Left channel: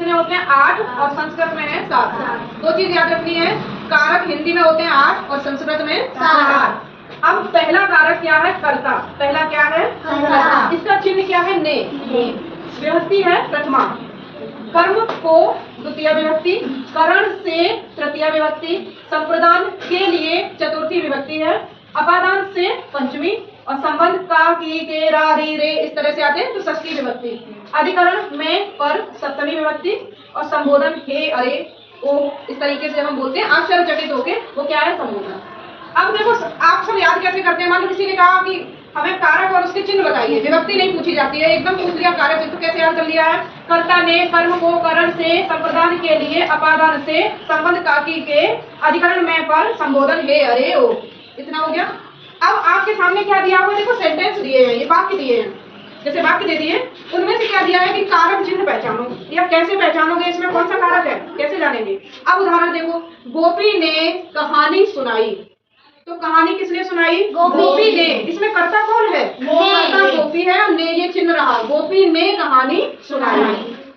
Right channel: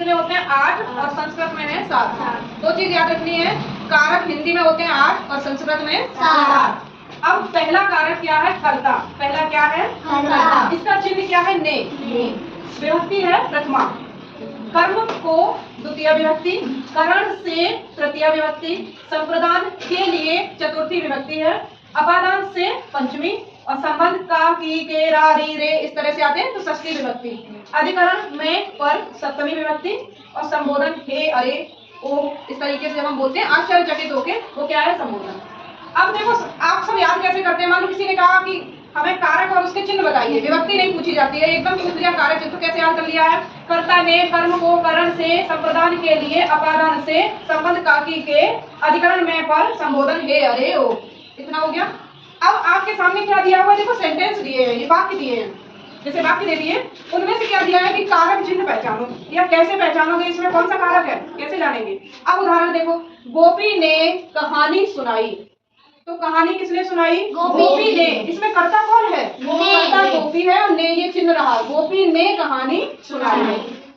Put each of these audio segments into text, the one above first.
कितने होते हैं 8 और संस्कृत में है 7। दो चीज याद रखनी है, कारक हिंदी में होते हैं 8 और संस्कृत में 7। अब पहला कारक क्या है? कर्ता। पहला क्या है? कर्ता। इसका चिन्ह क्या है? ने। विभक्ति है प्रथमा। कर्म को द्वितीय विभक्ति, करण से तृतीय विभक्ति, संप्रदान के लिए चतुर्थी विभक्ति है, अपादान से पंचमी और संबंध का की के रा री रे इस तरह से आते हैं तो षष्ठी विभक्ति। अधिकरण में पर सप्तमी विभक्ति और संबोधन हे अरे ओ इस तरीके से हम बोलते हैं आश्चर्यचकित होके, वो क्या है? संबोधन। अब देखो आप सब याद कैसे करते हैं? मान लो किसी ने कहा कि हमें कारक और उसके चिन्ह बताइए, विभक्ति नहीं पूछी जाती है, एकदम पूछ लिया कारक चिन्ह, तो कैसे याद कर लिया है? कर्ता ने कर्म को करण से, संप्रदान के लिए अपादान से, संबंध काकी के, अधिकरण में पर, संबोधन हे अरे ओ। इतना हो गया। अब आपके सामने क्या दिया हुआ? देखो सेंटेंस दिए हैं, ये वाक्य दिए हैं, जैसे वाक्य दे दिए, उनमें से क्या दिया है कि कारक चिन्ह पहचानो, या कैसे पहचानोगे, इसमें कौन सा कारक है, कैसे जानेंगे? अब उदाहरण देखो, गोपी ने कहानी सुनाई, तो कहानी किसने सुनाई? गोपी ने। इसमें कर्ता कौन है? कर्ता गोपी है और ने ये चिन्ह रहा, गोपी ने कहानी सुनाई।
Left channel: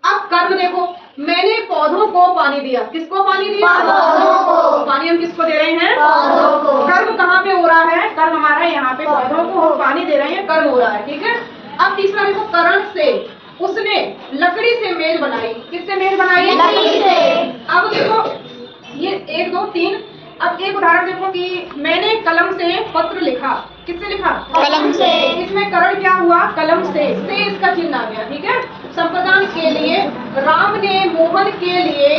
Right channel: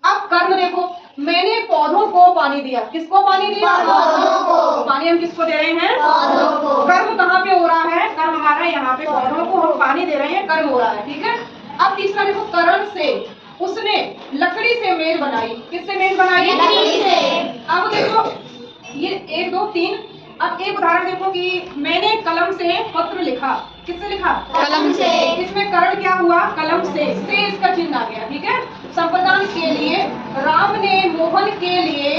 अब कर्म देखो, मैंने पौधों को पानी दिया, किसको पानी दिया? पौधों को। पानी हम किसको दे रहे हैं? पौधों को। कर्म कहाँ पे हो रहा है? कर्म हमारा यहाँ पे, पौधों को हम पानी दे रहे हैं, कर्म हो रहा है, ठीक है। अब तीसरा देखो, करण से, उसने लकड़ी से मेज बनाई, किससे मेज बनाई? लकड़ी से। अब देखो ये 1 2 3। अब एक उदाहरण देखो कि मैंने कलम से पत्र लिखा, किससे लिखा? कलम से। इसमें करण क्या हुआ? कलम से इसका चिन्ह आ गया, ठीक है। संप्रदान के लिए, राम ने मोहन के लिए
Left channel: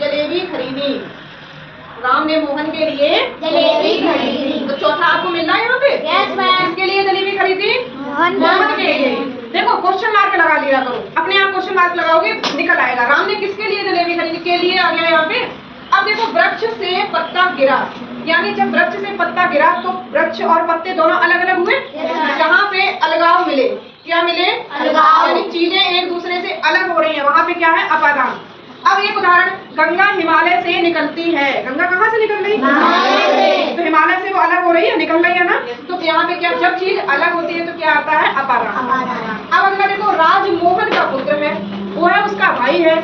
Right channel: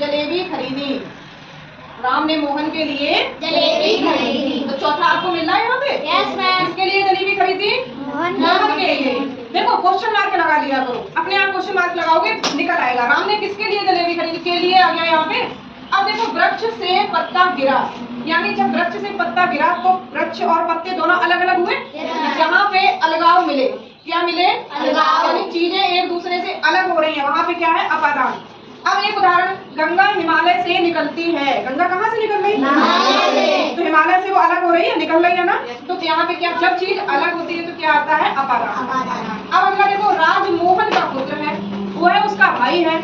जलेबी खरीदी, राम ने मोहन के लिए जलेबी खरीदी। तो चौथा आपको मिल रहा है यहाँ पे? Yes ma'am. किसके लिए जलेबी खरीदी? मोहन के लिए। देखो क्वेश्चन मार्क लगा लिया करो, अपने आप क्वेश्चन मार्क लगाओगे निकल आएगा। राम ने किसके लिए जलेबी खरीदी? के लिए आ गया यहाँ पे। अब देखो वृक्ष से पत्ता गिरा, यानी जब वृक्ष से पत्ता गिरा तो वृक्ष और पत्ते दोनों अलग अलग हुए, जहाँ पे अलगाव मिले, क्या मिले? अलगाव। यानी चीजें एक दूसरे से अलग हो रही हैं, वहाँ पे क्या है? अपादान। अब एक उदाहरण, गंगा हिमालय से निकलती है, गंगा कहाँ से निकल रही? हिमालय से। तो हिमालय से वो अलग हो रही है, निकल रही है ना, तो यहाँ पे क्या, जब चीज अलग होती है तो क्या आता है? अपादान। अब अगला देखो, राजमोहन का पुत्र है, वो है उसका भाई है,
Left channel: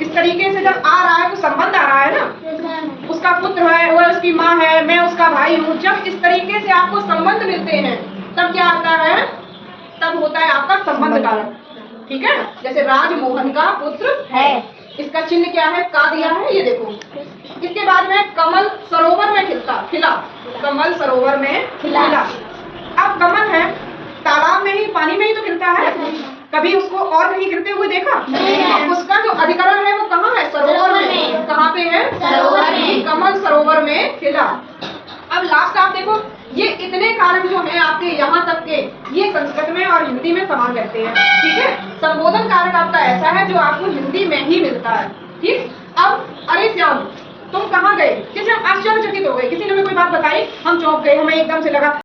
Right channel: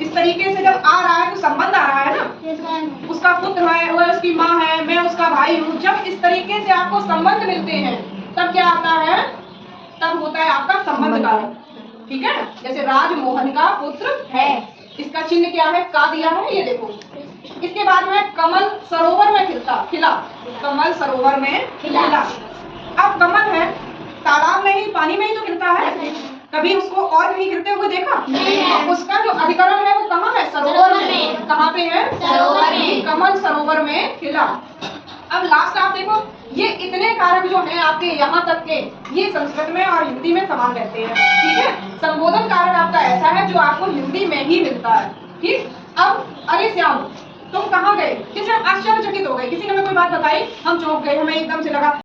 इस तरीके से जब आ रहा है तो संबंध आ रहा है ना, उसका पुत्र है, वो उसकी माँ है, मैं उसका भाई हूँ। जब इस तरीके से आपको संबंध मिलते हैं तब क्या आता है? तब होता है आपका संबंध कारक, ठीक है। जैसे राजमोहन का पुत्र है, इसका चिन्ह क्या है? का दिया है, ये देखो। इसके बाद में कमल सरोवर में खिला, कमल सरोवर में खिला। अब कमल है, तालाब में ही, पानी में ही तो खिलता है, कभी उसको और कहीं गिरते हुए देखा? नहीं। उसका जो अधिकरण है वो कहाँ है? सरोवर में। कहाँ पे है? सरोवर में। कमल सरोवर में खिला। अब लास्ट आप देखो, ये इतने कारक जो हैं आपके यहाँ तक के, ये संस्कृत में और हिंदी में समान रहते हैं, ठीक है। संबोधन कारक आपका ऐसा है जो आपको हिंदी में ही मिलता है, ठीक। अब अरे श्याम तुम कहाँ गए, किसी आश्चर्यचकित हो गए, किसी ने हमें कोई बात बताई, हम चौंक गए, हमें एकदम से लगा